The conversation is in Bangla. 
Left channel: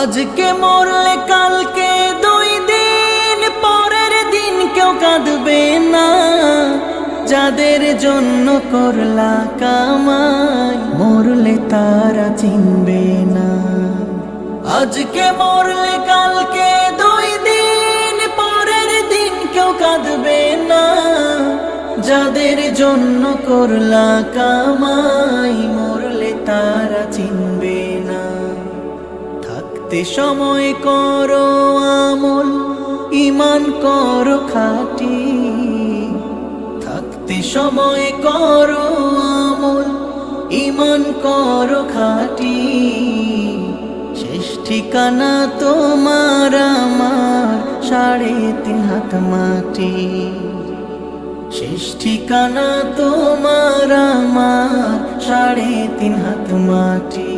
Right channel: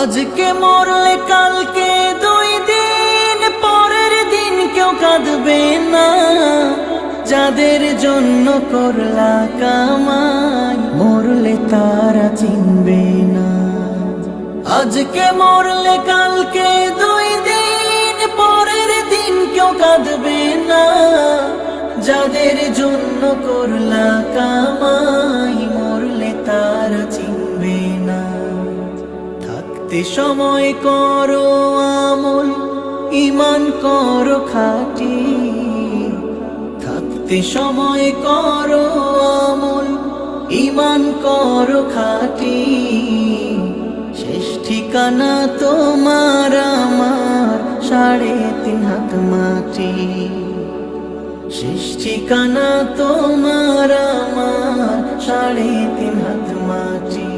আজকে মরলে কালকে 2 দিন পরের দিন কেউ কাঁদবে না। যাদের জন্য করলা কামাই মরলে তারা চিনবে না। আজকে মরলে কালকে 2 দিন পরের দিন কেউ কাঁদবে না। যাদের জন্য করলা কামাই মরলে তারা চিনবে না। থাকতে সময় করো আমল, ঈমান করো খাঁটি। থাকতে সময় করো আমল, ঈমান করো খাঁটি। শেষ ঠিকানা তোমার আমার 3.5 হাত মাটি। শেষ ঠিকানা তোমার আমার 3.5 হাত মাটি।